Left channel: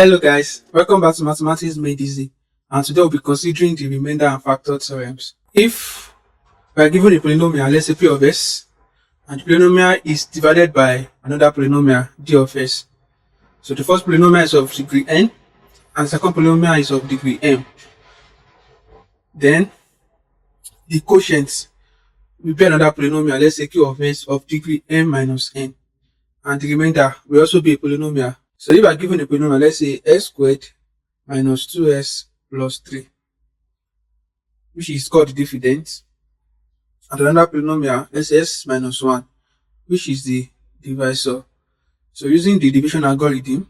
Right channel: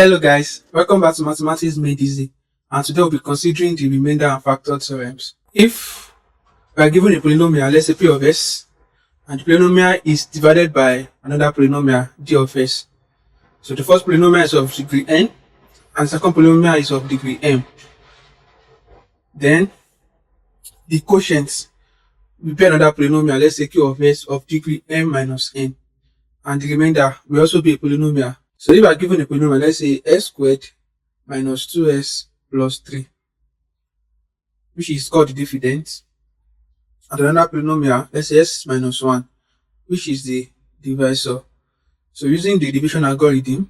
Hello guys, welcome back to Mathematics Made Easy, and today we'll be considering the remainder and factor theorems. If we are given a polynomial, let's say p of s, and the polynomial is divided by another polynomial d of s. So the first polynomial is of degree n, and the second polynomial is of degree m. Then the quotient will be another polynomial, let's say q of s of degree m minus n, and the remainder will also be a polynomial. So if I are given a polynomial, let's say s squared minus 2s plus 3, which is called the dividend, and another polynomial, let's say s minus 1, which is the divisor. So using the division algorithm,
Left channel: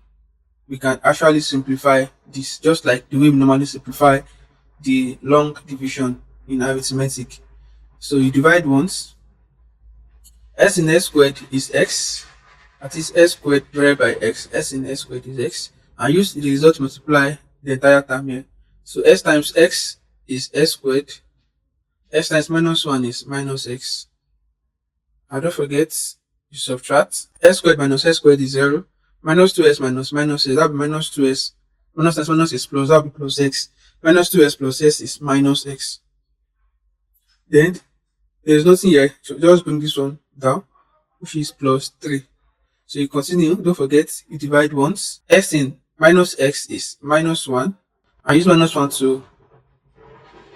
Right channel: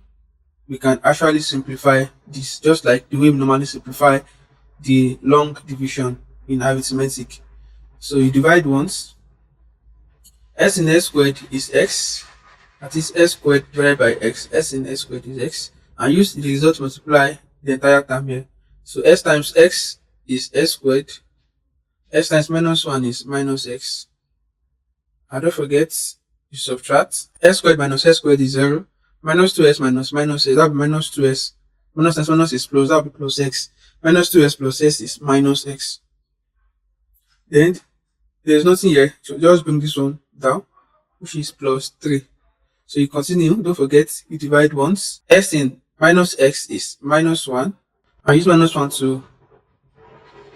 we can actually simplify this just like the way we normally simplify the long division in arithmetic. So you divide once, s in s squared is x, that is s squared divided by x, s in s squared is x, and use the result to multiply the entire term here. So s times x is s squared, s times minus 1 is minus x, and don't forget you subtract. S squared minus s squared is 0, minus 2s minus minus s, that will be minus 2s, minus times minus is plus, that will be plus x, minus 2s plus s is minus x. Then there is nothing here, so just bring this one down, which is plus 3. So you continue, don't forget you divide once, s in minus x is minus 1, and use minus 1 to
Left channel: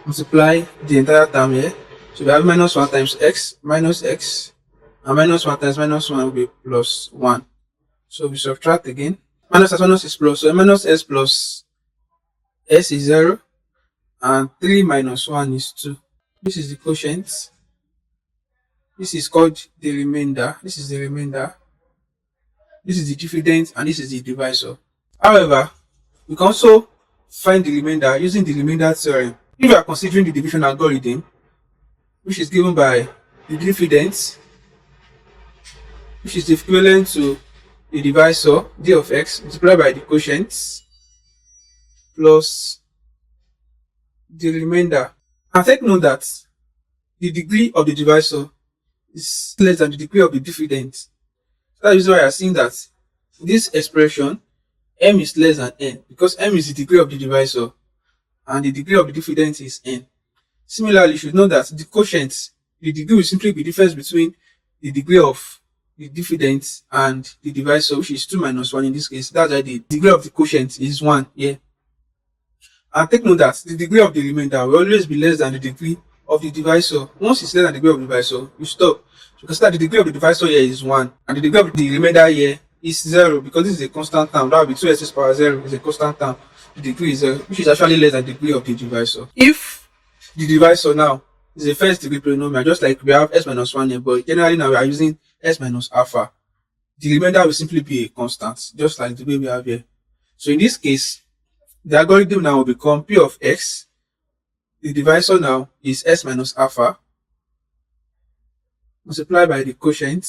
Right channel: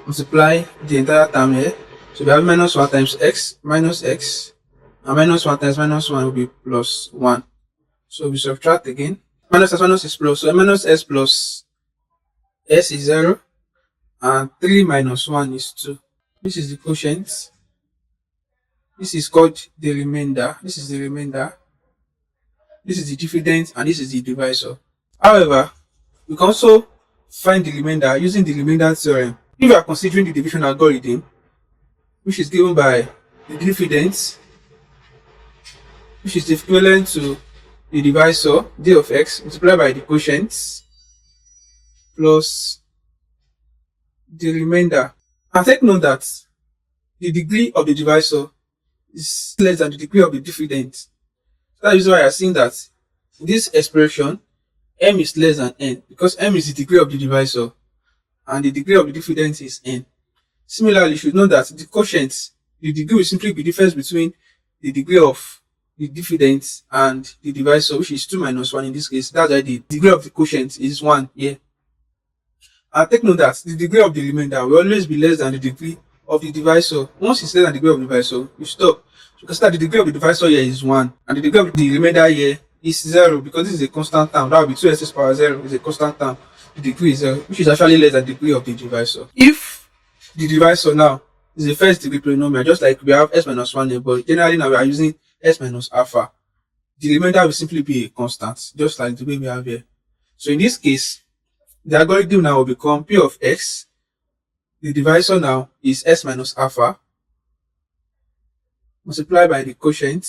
multiply the entire term here. So we have minus 1 times x minus x, and minus 1 times minus 1 will be plus 1. So we subtract again, minus times minus is plus, so minus s plus s is 0, and 3 minus 1 is 2. This is the quotient, this is called the remainder, this is the remainder, this is the dividend, and this is the divisor. However, we can also find the remainder using the remainder theorem. If we are considering the division algorithm, which is given by the dividend, which is equivalent to the divisor d of x multiplied by the quotient plus the remainder. And take note that the degree of the divisor is less than the degree of the dividend. That is why I are seeing that in this expression m is less than n, because m is the degree of the divisor and the degree of the dividend is n. Similarly, you should know that the quotient, the degree will simply be the difference between the degree of the dividend and the divisor, which is 2 minus 1 in this case. That's why the degree of the quotient is 1 here. And take note that the degree of the remainder will always be less than the degree of the divisor. Once it's less than the degree of the divisor, you stop. Because the degree of the divisor here is 1, and the degree of the remainder here is 0, because this is a constant term. That will be 2s power 0 is a constant term. The degree is 0, which is actually less than the degree of the divisor. If the divisor now is a first degree polynomial, just like we have s minus 1 here, but generally now we are using s minus alpha, the remainder will simply be a constant, just like the way we have here. So in this case, the algorithm now will become p of x, the divisor now is s minus alpha, multiplied by the quotient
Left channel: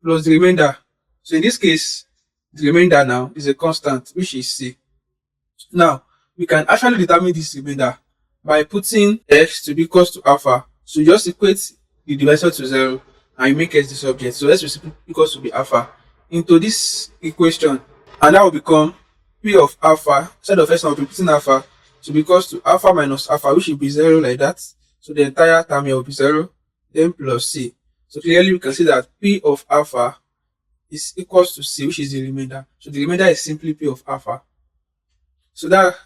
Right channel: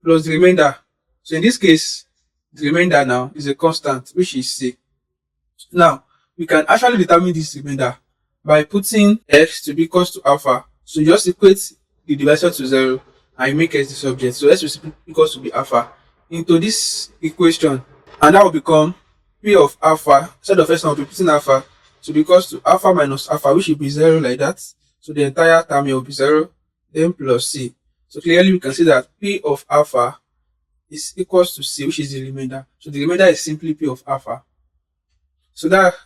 plus the remainder. So in this case, the remainder now is a constant, which is c. Now, we can actually determine this remainder by putting x to be equals to alpha. So you just equate the divisor to 0 and you make x the subject. So x is equals to be alpha into this equation, and that will become p of alpha. Instead of s now, we'll be putting alpha to be equals to alpha minus alpha, which will be 0 like that. So the entire term here will be 0, then plus c. So clearly we can see that p of alpha is equals to c, which is the remainder. So the remainder is simply p of alpha. So that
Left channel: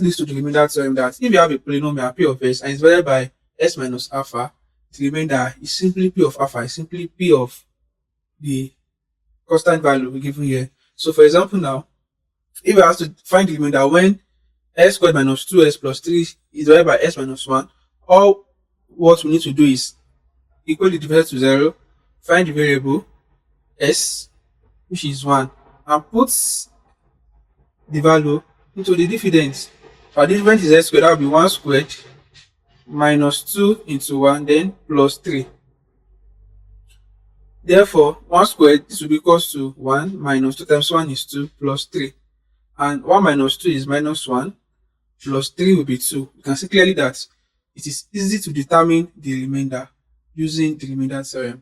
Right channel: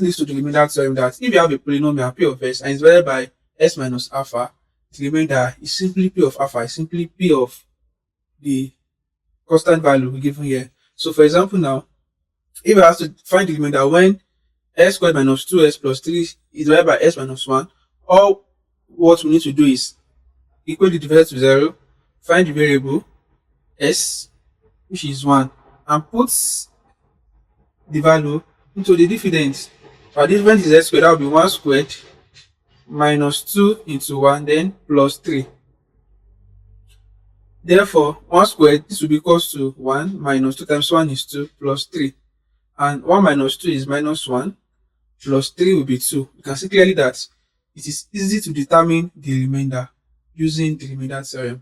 leads to the remainder theorem, that if you have a polynomial p of s and it's divided by s minus alpha, the remainder is simply p of alpha, is simply p of the constant value we given here. So for example now, if we have to find the remainder when s squared minus 2s plus 3 is divided by s minus 1, all what we need to do is equate the divisor to 0, find the variable s, which is 1, and put the value into the dividend. Our dividend is s squared, that will be 1 squared minus 2 into 1, then plus 3. Therefore, 1 squared, this will be equals to 1 minus 2 times 1 is 2 plus 3. And 1 minus 2 is minus 1 plus 3 will be 2. You can see clearly that it is easy to determine the remainder using the remainder theorem.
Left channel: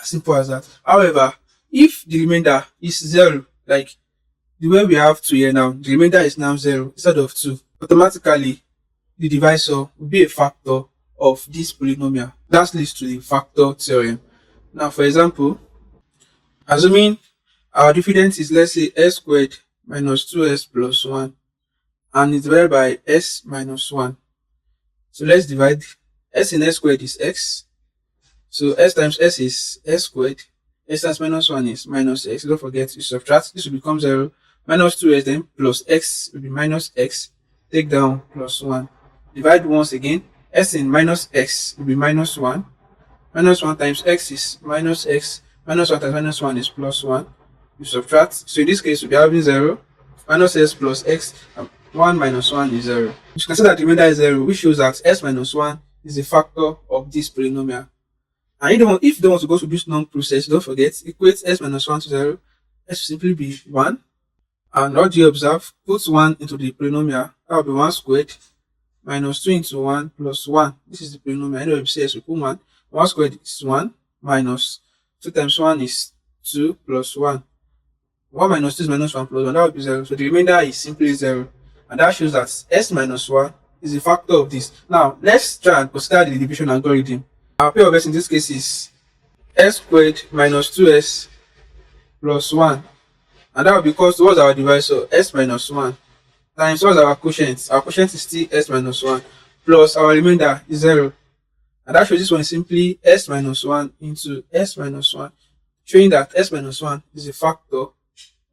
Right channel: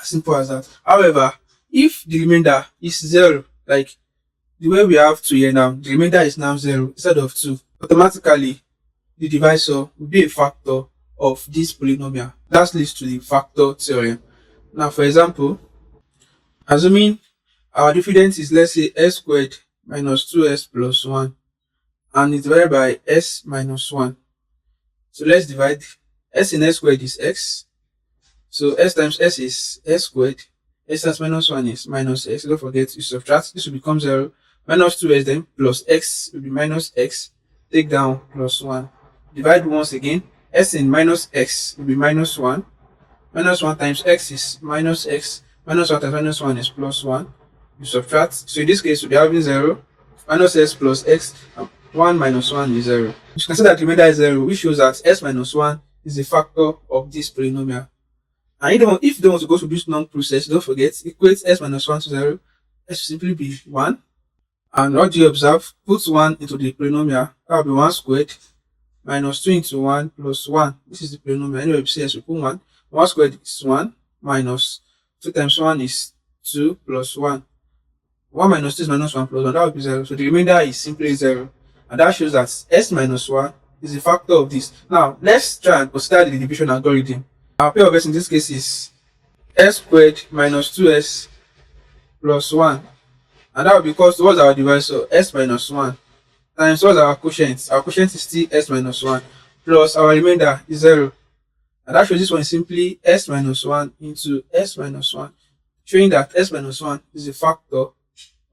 As simple as that. However, if the remainder is 0, like the way we have 2 here now, the remainder is now 0 instead of 2. Automatically, the divisor will be a factor of this polynomial. That leads to the factor theorem. Now, for example, assuming our difference is, let's say, s squared minus 2s plus 1, and it's divided by s minus 1. So let's divide. S in s squared is x. So s times s is s squared. S times minus 1 is minus x. Don't forget to subtract. This will become 0. Minus 2s then plus x will be minus x. Take down plus 1. Divide once again. S in minus x will be minus 1. Minus 1 times x is minus x. Minus 1 times minus 1 is plus 1. You subtract. So in this case, we'll be having 0. Minus s plus x. 1 minus 1 is 0. You can see that the remainder is 0, which shows that s minus 1 is a factor of this polynomial. And if you don't want to go through this long process, don't forget, equate s minus 1 to 0. S will simply be 1. And what do you observe? Put 1 into the polynomial. That will be 1 squared minus 2 into 1 plus 1. This is the polynomial. Anyway, we say s, we put 1. 1 squared is 1 minus 2 times 1 is 2 plus 1. 1 minus 2 is minus 1 plus 1. That would be 0. So the remainder is simply 0. And that shows that s minus 1 is a factor of this. Now, let's try and consider the division algorithm. Our pair of s in this case is s squared minus 2s plus 1. And that will be equals to what's our divisor? S minus 1 times what's our quotient? Our quotient is still s minus 1 plus our remainder is 0. And that shows this one is simply s minus 1 into s minus 1, showing that s minus 1 is a factor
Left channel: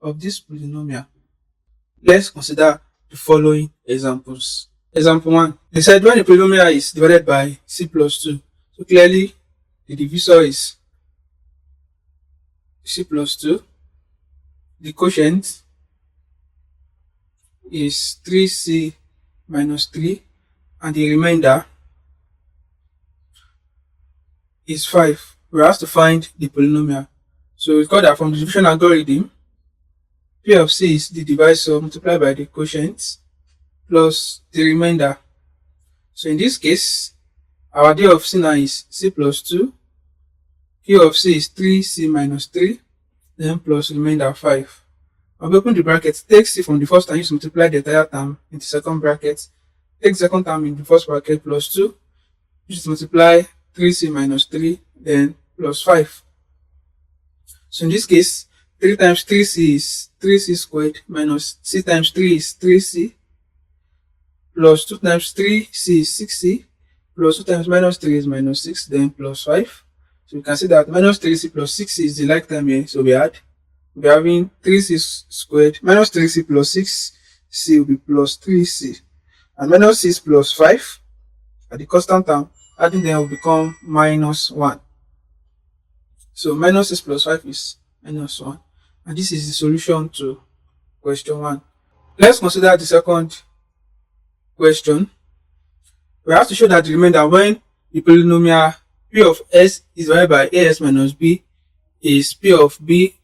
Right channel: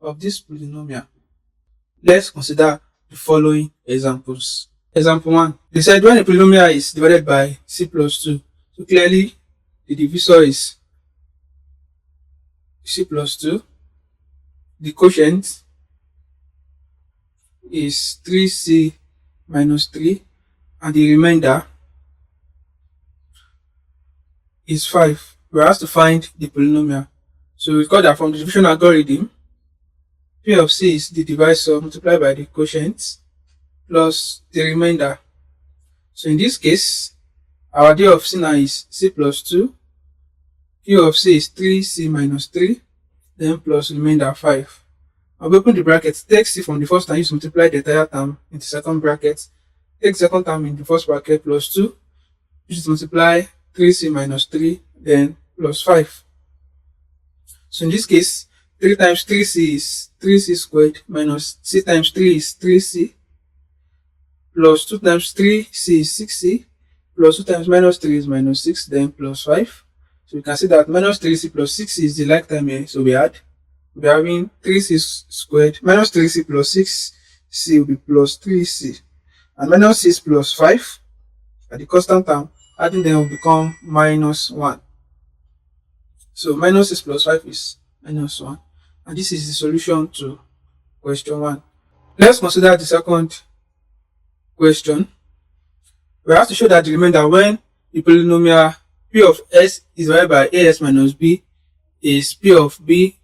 of this polynomial. Let's consider the following examples. Example 1. They said when a polynomial is divided by c plus 2, so clearly the divisor is c plus 2. The quotient is 3c minus 3, and the remainder is 5. We have to find the polynomial. So we got that from the division algorithm, P of c is the divisor multiplied by the quotient plus the remainder. So in this case, our d of c now is c plus 2, P of c is 3c minus 3, then plus remainder 5. I'll open the bracket, take c from the first time, use to multiply the entire term in the second bracket, take the second term in the first bracket plus 2, use to multiply 3c minus 3, then plus 5. So in this case, 3 times 3c is 3c squared minus c times 3 is 3c plus 2 times 3c is 6c plus 2 times minus 3 is minus 6, then plus 5. So you can see that minus 3c plus 6c is the like term here. So we're having 3c squared minus 3c plus 6c will be plus 3c. And minus 6 plus 5 at the constant term, adding them will become minus 1. So minus 6 plus 5 is minus 1. And this is the solution to question 1. Let's consider the second question. We have to show that the remainder when the polynomial p of s is divided by as minus b is p of b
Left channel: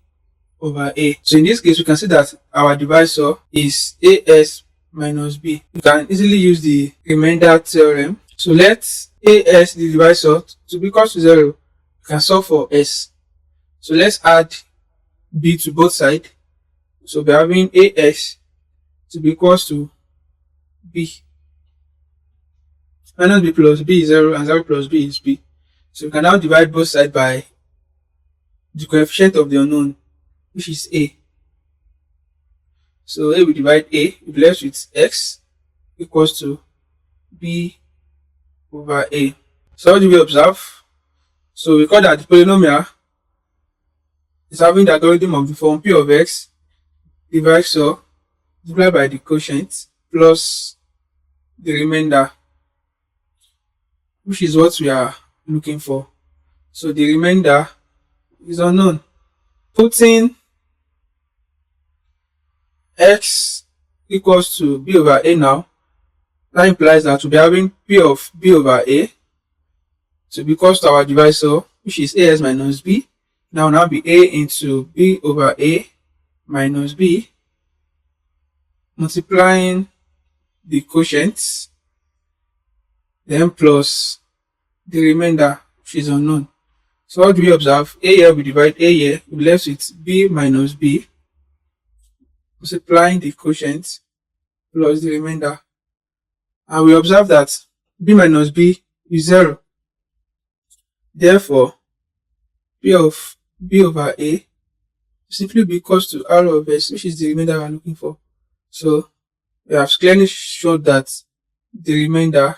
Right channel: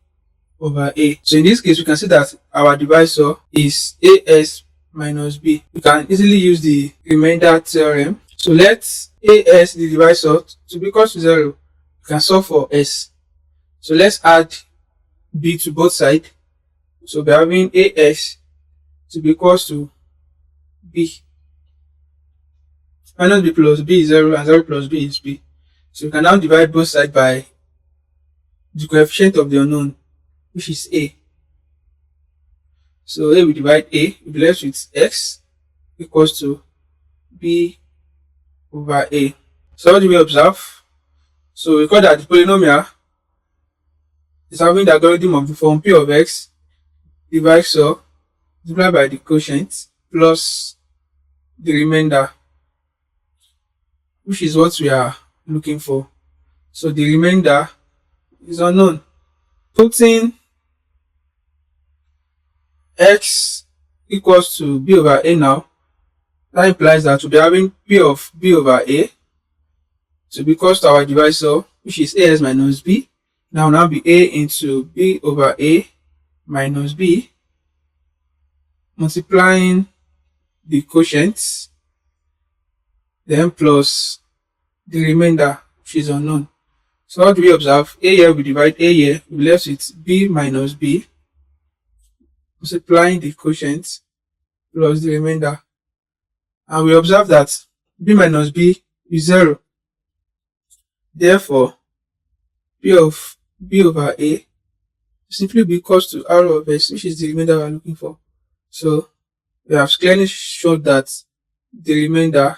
over a. So in this case, we can see that our divisor is as minus b. We can easily use the remainder theorem. So let as the divisor to be equal to 0. We can solve for s. So let's add b to both sides. So we're having as to be equal to b. Minus b plus b is 0 and 0 plus b is b. So we can now divide both sides by the coefficient of the unknown, which is a. So here we divide a, we be left with x equals to b over a. So what do we observe? So we call that the polynomial is having the algorithm of the form p of x divisor multiplied by the quotient plus the remainder, which is what we are looking for. So the remainder is unknown. Putting x equals to b over a now, that implies that we'll be having p of b over a to be equals to our divisor, which is as minus b. Now be a into b over a minus b, multiplying the quotient, then plus the remainder, which is unknown. So what do we observe? A here, we divide a here, we left with b minus b multiplying the quotient plus the remainder. And we observe that b minus b is 0. Therefore, p of b over a simply be equals to r of s, which is the remainder we're looking for. So we have clearly shown that the remainder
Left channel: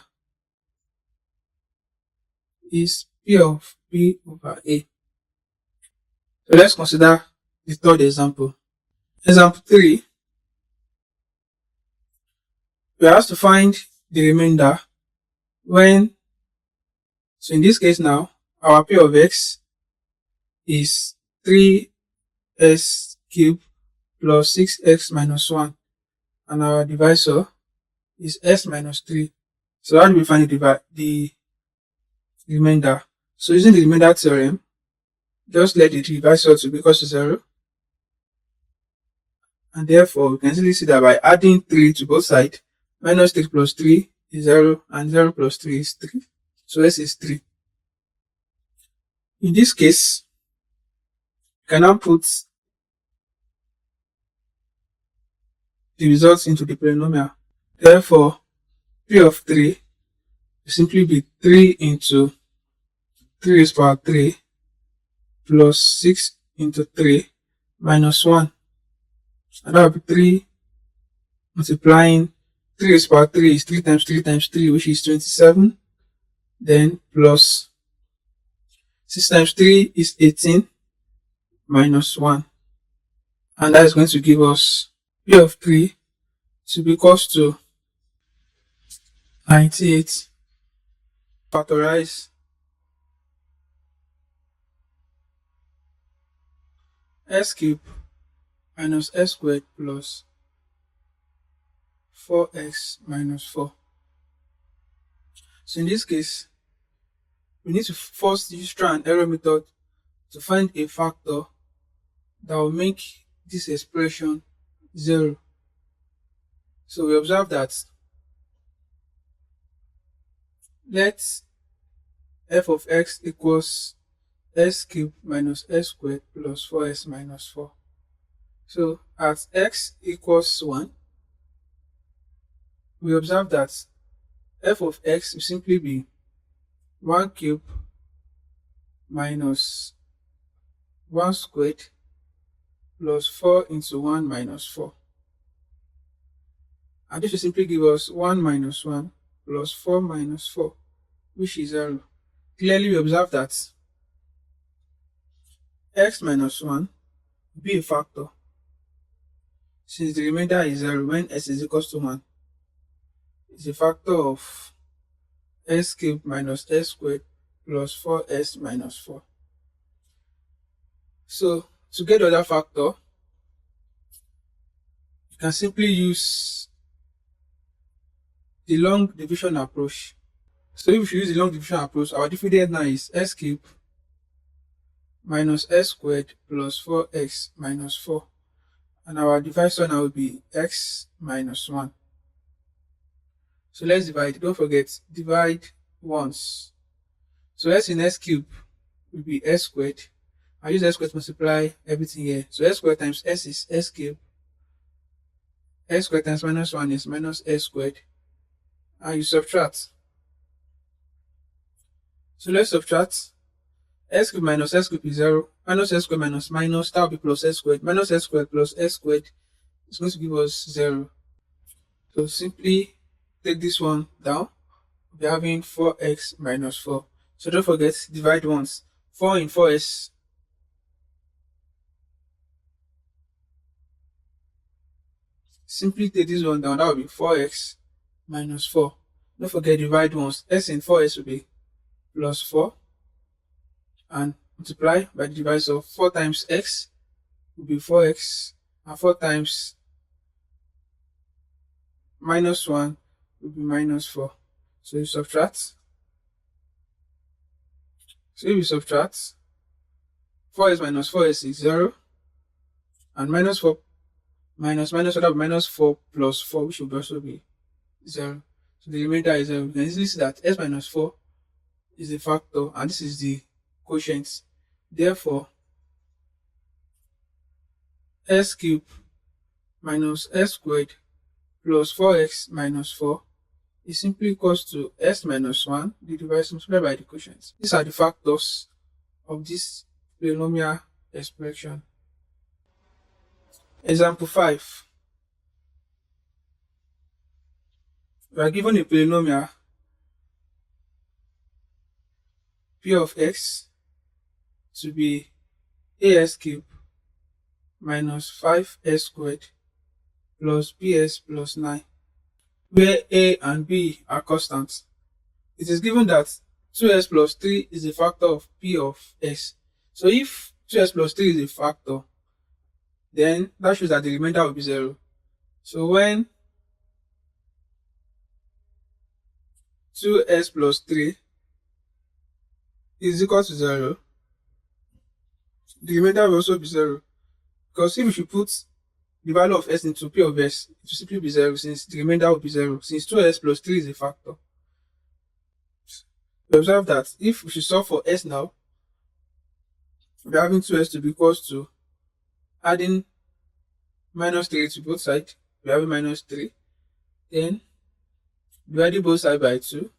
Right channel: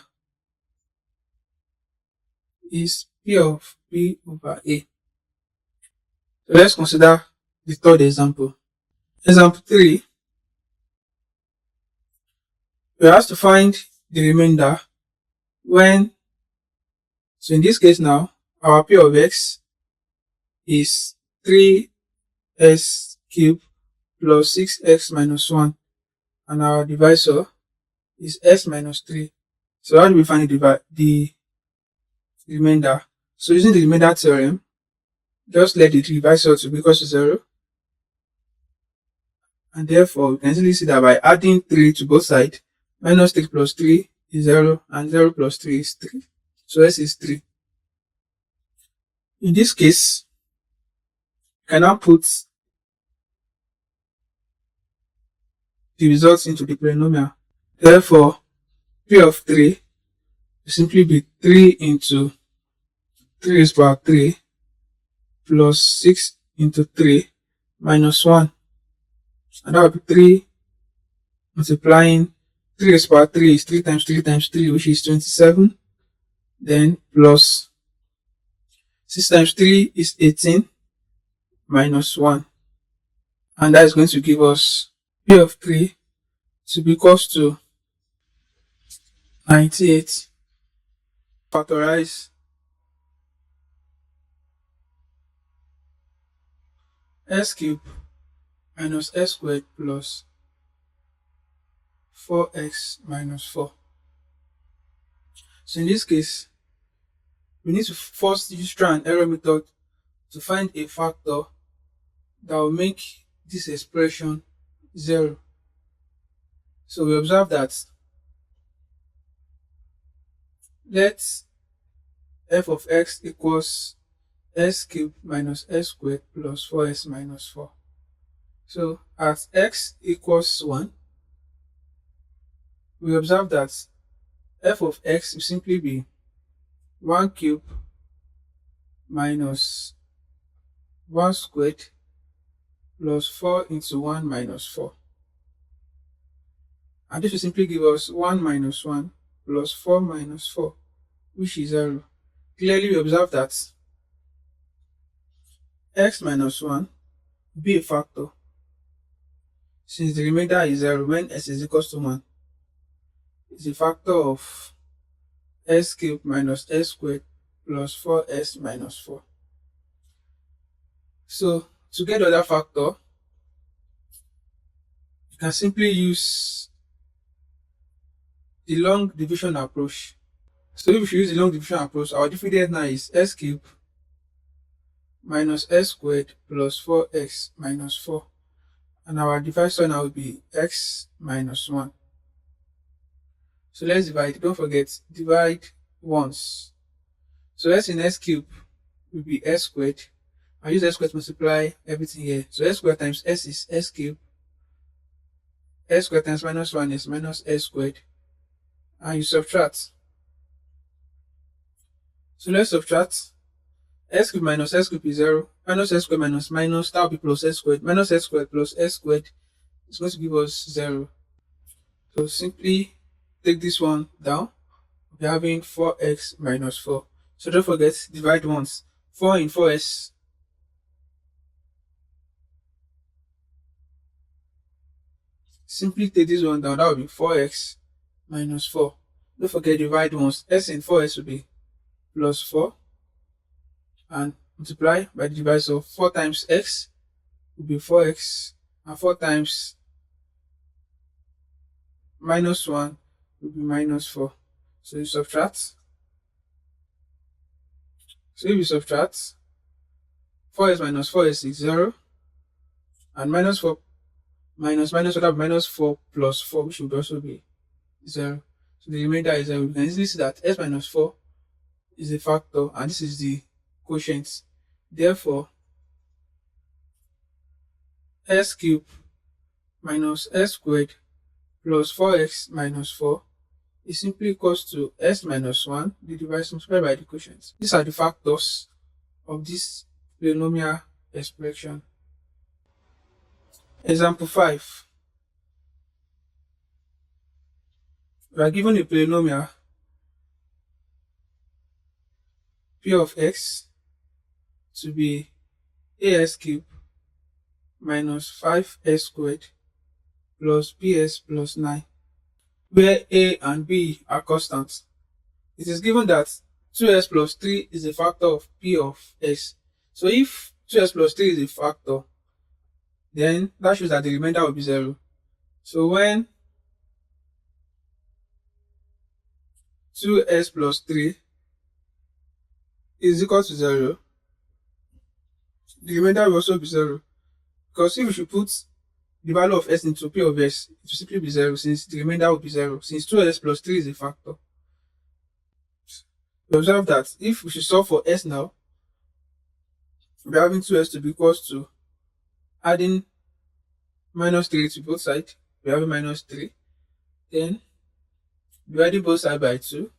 is p of b over a. So let's consider the third example. Example 3, we are asked to find the remainder when, so in this case now, our p of x is 3s cubed plus 6x minus 1, and our divisor is s minus 3. So how do we find the remainder? So using the remainder theorem, just let the divisor to be equal to 0, and therefore we can easily see that by adding 3 to both sides, minus 3 plus 3 is 0, and 0 plus 3 is 3. So s is 3. In this case, you can now put the results into the polynomial. Therefore, p of 3 will simply be 3 into 3 raised to power 3 plus 6 into 3 minus 1. And that will be 3 multiplying 3 raised to power 3 is 3 times 3 times 3, which is 27. Then plus 6 times 3 is 18 minus 1. And that is going to give us p of 3 to be equals to 98. Factorize s cubed minus s squared plus 4x minus 4. So in this case, we need to first use trial and error method to find a factor that will make this expression 0. So we observe that let f of x equals s cubed minus s squared plus 4s minus 4. So at x equals 1, we observe that f of x will simply be 1 cubed minus 1 squared plus 4 into 1 minus 4. And this will simply give us 1 minus 1 plus 4 minus 4, which is 0. Clearly, we observe that x minus 1 will be a factor, since the remainder is 0 when s is equals to 1. It's a factor of s cubed minus s squared plus 4s minus 4. So to get the other factor, you can simply use the long division approach. So if you use the long division approach, our dividend now is s cubed minus s squared plus 4x minus 4. And our divisor now will be x minus 1. So let's divide. Don't forget, divide once. So s in s cubed will be s squared. I use s squared to multiply everything here. So s squared times s is s cubed. S squared times minus 1 is minus s squared. And you subtract. So let's subtract. S cubed minus s cubed is 0. Minus s squared minus minus, that will be plus s squared. Minus s squared plus s squared is going to give us 0. So simply take this one down. We'll be having 4x minus 4. So don't forget, divide once. 4 in 4s. Simply take this one down. That will be 4x minus 4. Don't forget, divide once. S in 4s will be plus 4. And multiply by the divisor. 4 times x will be 4x. And 4 times minus 1 will be minus 4. So you subtract. So if you subtract, 4s minus 4s is 0. And minus 4 minus minus would have minus 4 plus 4, which would also be 0. So the remainder is 0. We can easily see that s minus 4 is a factor, and this is the quotient. Therefore, s cubed minus s squared plus 4x minus 4 is simply equals to s minus 1 divided multiplied by the quotient. These are the factors of this polynomial expression. Example 5. We are given a polynomial p of x to be as cubed minus 5s squared plus bs plus 9, where a and b are constants. It is given that 2s plus 3 is a factor of p of x. So if 2s plus 3 is a factor, then that shows that the remainder will be 0. So when 2s plus 3 is equal to 0, the remainder will also be 0. Because if we should put the value of s into p of s, it will simply be 0, since the remainder will be 0, since 2s plus 3 is a factor. We observe that if we should solve for s now, we are having 2s to be equals to adding minus 3 to both sides. We are having minus 3. Then dividing both sides by 2.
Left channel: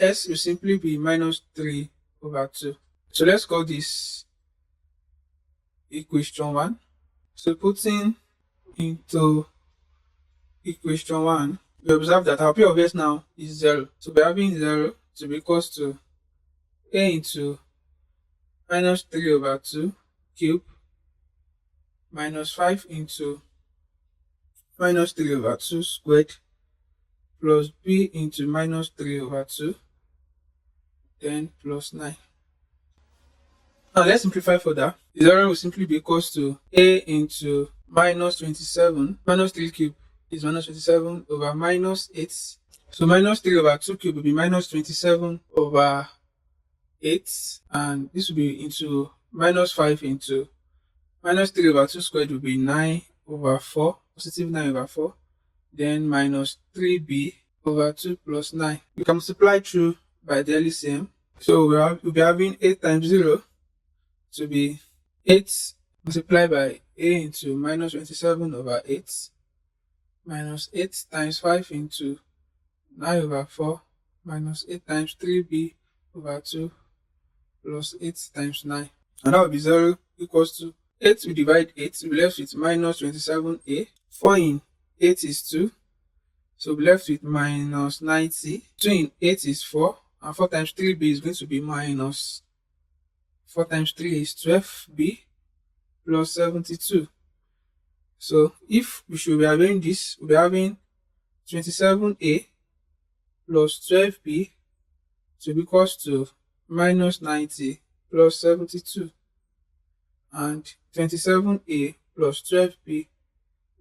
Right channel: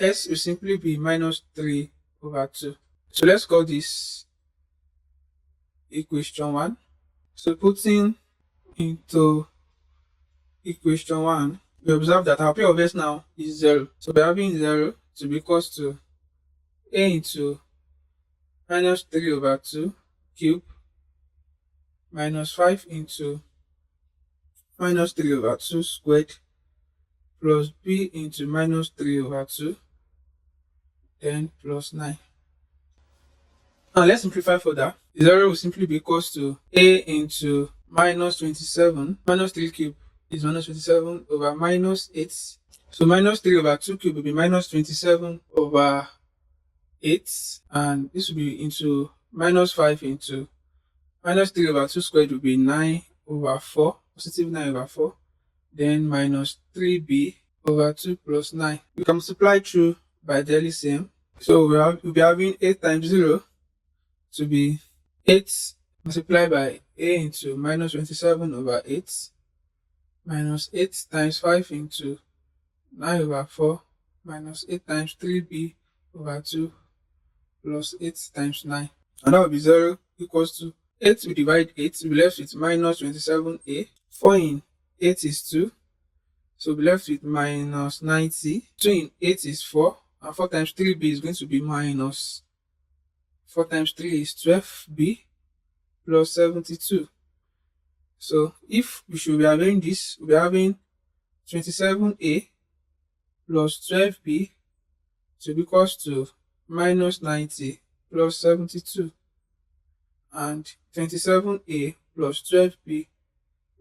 S will simply be minus 3 over 2. So let's call this equation 1. So putting into equation 1, we observe that our p of s now is 0. So we're having 0 to be equals to a into minus 3 over 2 cube minus 5 into minus 3 over 2 squared plus b into minus 3 over 2 then plus 9. Now let's simplify further. The 0 will simply be equals to a into minus 27 minus 3 cube is minus 27 over minus 8. So minus 3 over 2 cube will be minus 27 over 8, and this will be into minus 5 into minus 3 over 2 squared will be 9 over 4, positive 9 over 4, then minus 3b over 2 plus 9. We can multiply through by the LCM. So we'll be having 8 times 0 to be 8 multiplied by a into minus 27 over 8 minus 8 times 5 into 9 over 4 minus 8 times 3b over 2 plus 8 times 9. And that will be 0 equals to 8 we divide 8, we'll be left with minus 27a. 4 in 8 is 2. So we'll be left with minus 90. 2 in 8 is 4. And 4 times 3b is going to be minus 4 times 3 is 12b plus 72. So if we should be having this, we'll be having 27a plus 12b to be equals to minus 90 plus 72. And 27a plus 12b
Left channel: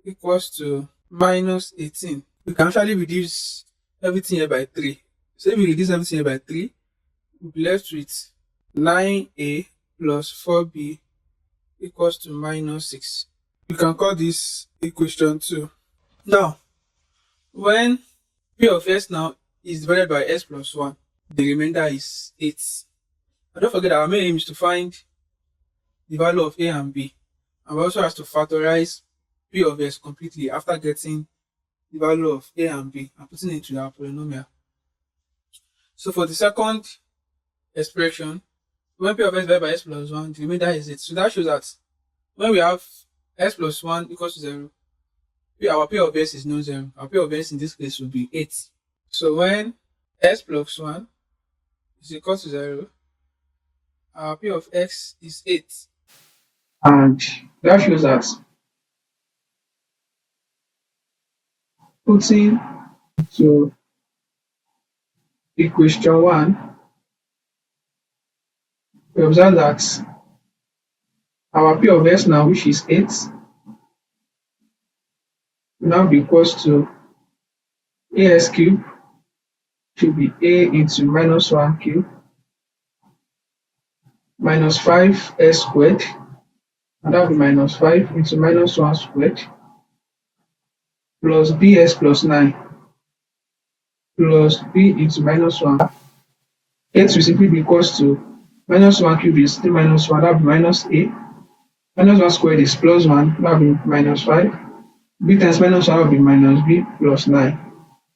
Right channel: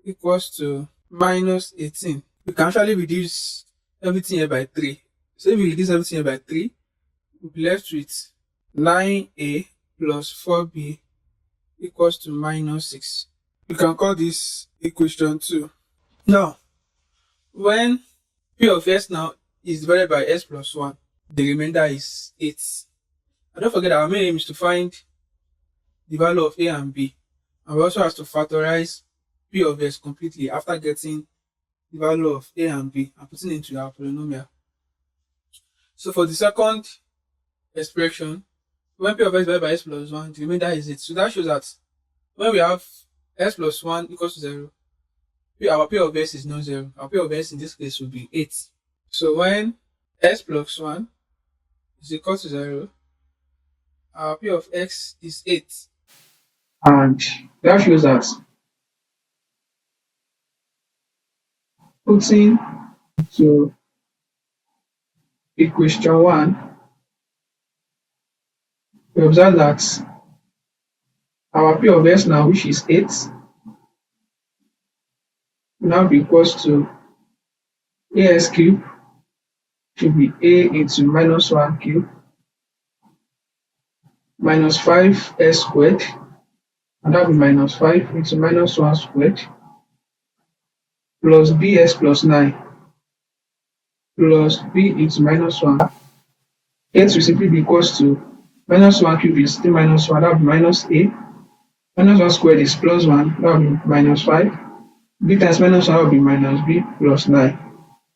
equals to minus 18. We can actually reduce everything here by 3. So if we reduce everything here by 3, we'll be left with 9a plus 4b equals to minus 6. We can call this equation 2. Now, when p of s now is divided by s plus 1, the remainder is 8. And don't forget that our main aim is to find the value of a and b. And we also have to factorize p of s completely after getting the value of a and b and putting it into our polynomial. So for the second expression, when p of s divided by s plus 1, the remainder is 8. So that shows that when we have s plus 1 equals to 0, our p of s is not 0. Our p of s in this case will be 8. So when s plus 1 is equal to 0, our p of x is 8. And that shows that putting to equation 1, we observe that our p of s now, which is 8, will now be equals to as cube should be a into minus 1 cube minus 5s squared, and that will be minus 5 into minus 1 squared plus bs plus 9 plus b into minus 1. 8 will simply be equals to minus 1 cube is still minus 1, that will be minus a Minus 1 squared is plus 1, that will be minus 5. B times minus 1 will be minus B plus 9.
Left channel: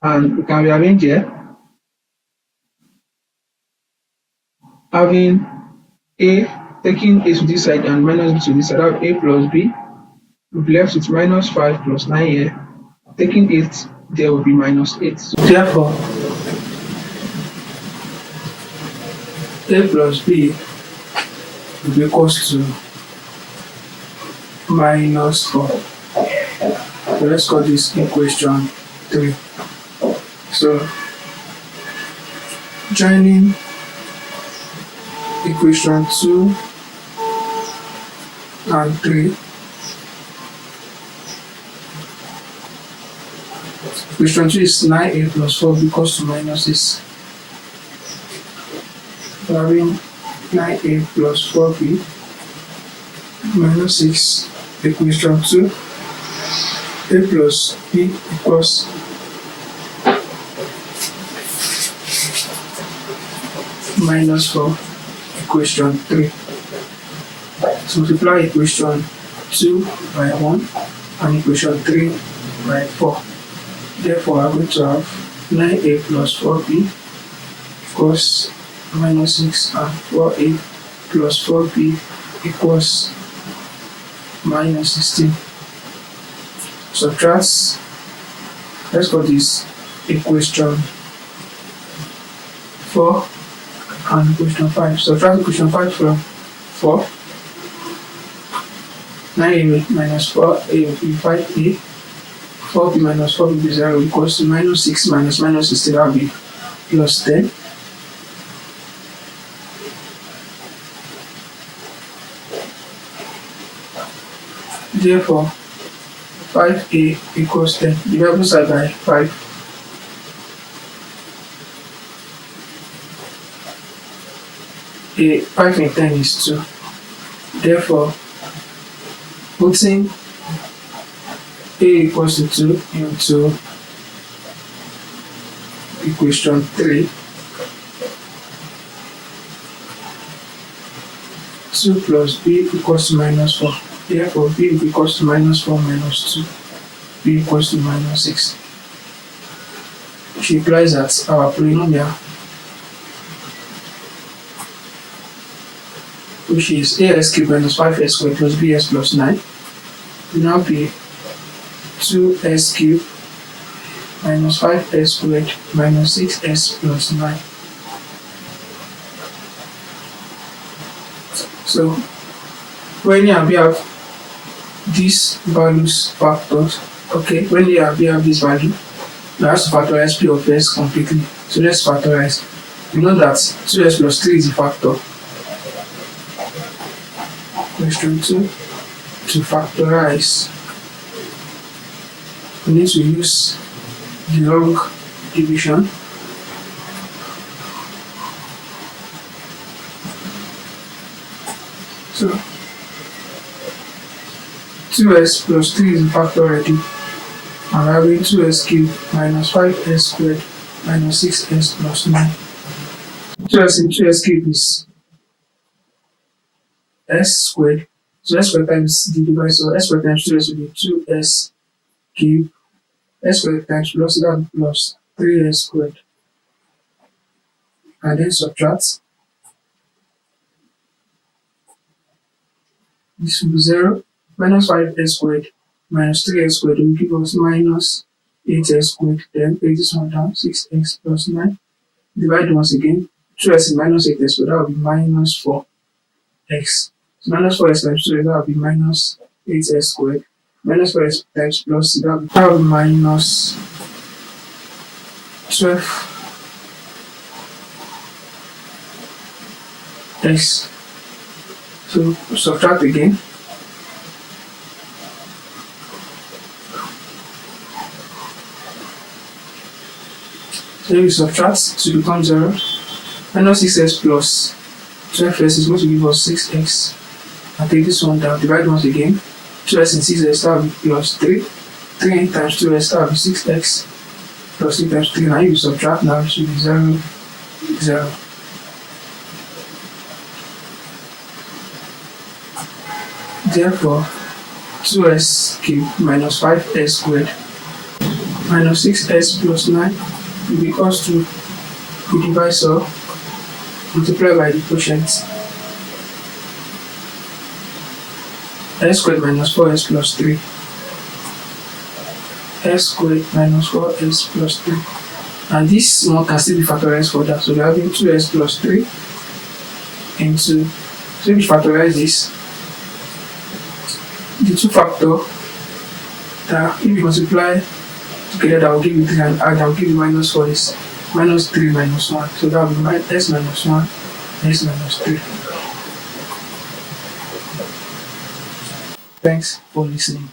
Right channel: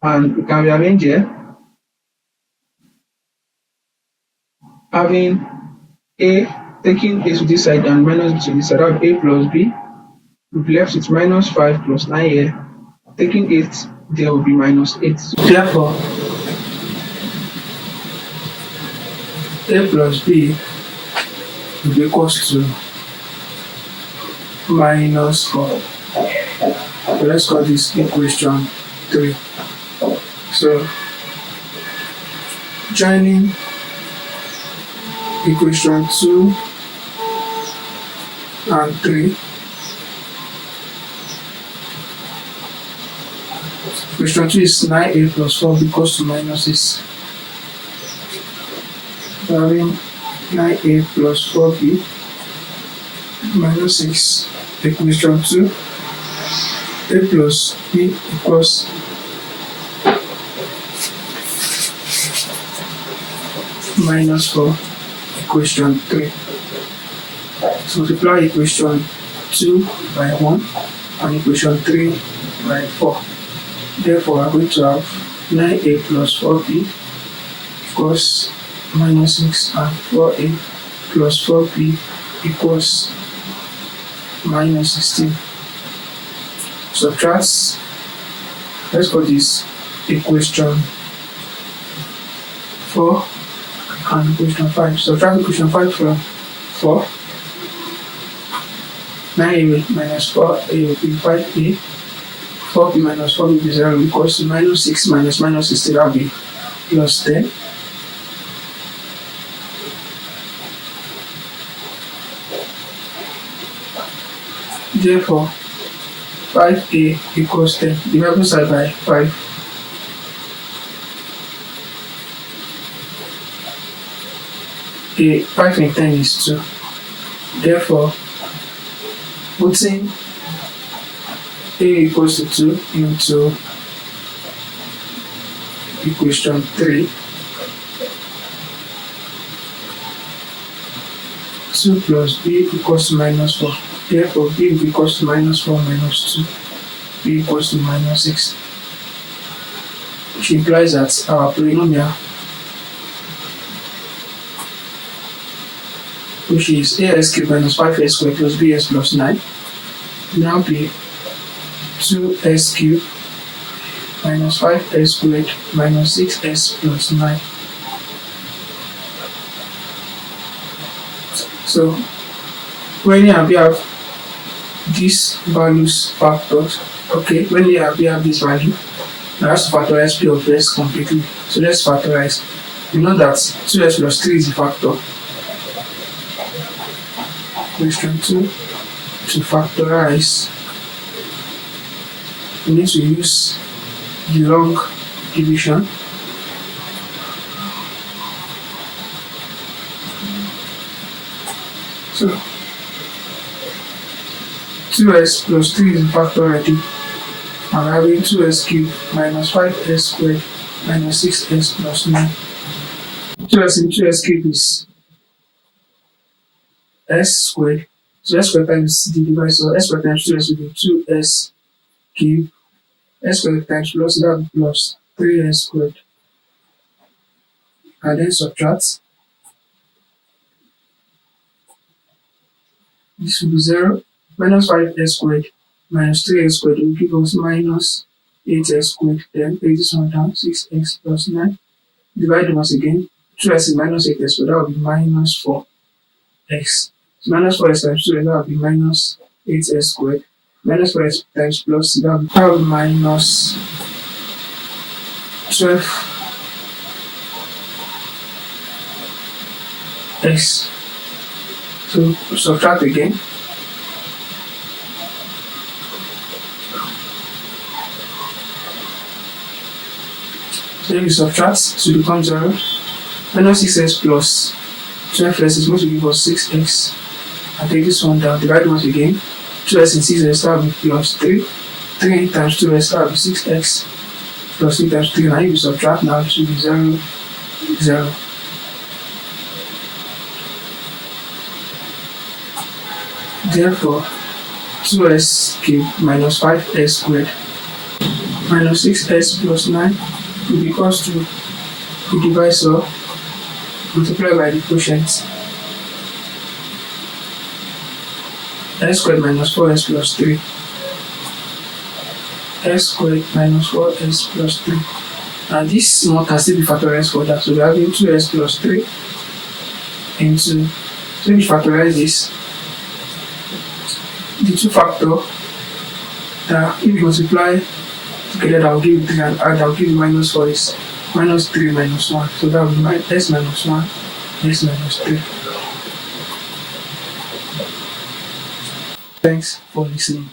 And we can rearrange here, having A, taking A to this side and minus B to this side, that will be A plus B. We'll be left with minus 5 plus 9 here. Taking it, there will be minus 8. So therefore, A plus B will be equals to minus 4. So let's call this equation 3. So joining equation 2 and 3. Equation 2 is 9a plus 4 equals to minus 6. So having 9a plus 4b minus 6, equation 2, a plus b equals minus 4, equation 3. So multiply equation 2 by 1 and equation 3 by 4. Therefore, we are going to have 9a plus 4b equals minus 6 and 4a plus 4b equals minus 16. Subtract, let's call this equation 4 and equation 5. Subtract equation 5 from 4. 9a minus 4a will be 5a. 4b minus 4b will be 0 equals to minus 6 minus minus 16, that will be plus 10. Therefore, 5a equals 10. Divide both sides by 5. A 5 in 10 is 2. Therefore, putting a equals to 2 into equation 3, 2 plus b equals to minus 4. Therefore, b equals to minus 4 minus 2, b equals to minus 6. Which implies that our polynomial, which is as cubed minus 5s squared plus bs plus 9, will now be 2s cubed minus 5s squared minus 6s plus 9. So when you have these values factored, okay, when you have this value, we have to factorize p of s completely. So let's factorize. You know that 2s plus 3 is a factor. Question 2, to factorize, we need to use the long division. So 2s plus 3 is a factor already. I'm having 2s cubed minus 5s squared minus 6s plus 9. 2s in 2s cubed is s squared. So s squared times the divisor, s squared times 2s will be 2s cubed. S squared times plus that plus 3s squared. And then subtract. This will be 0. Minus 5s squared minus 3s squared will give us minus 8s squared. Then take this one down, 6x plus 9. Divide once again. 2s is minus 8s squared, that will be minus 4x. So minus 4s times 2, that will be minus 8s squared. Minus 4s times plus, that will be minus 12x. So subtract again. So then we subtract to become 0. Minus 6x plus 12x is going to give us 6x. And take this one down, divide once again. 2x and 6x, that will be plus 3. 3 times 2x, that will be 6x. Plus 3 times 3. Now if you subtract now, it should be 0, 0. Therefore, 2s cubed minus 5s squared minus 6s plus 9 will be equals to the divisor multiplied by the quotient. S squared minus 4s plus 3. S squared minus 4s plus 3. And this one can still be factorized further. So we're having 2s plus 3 into, so if we factorize this, the two factor that if you multiply together, that will give you 3, and add, that will give you minus 4 is minus 3 minus 1. So that will be s minus 1, s minus 3. Thanks for listening.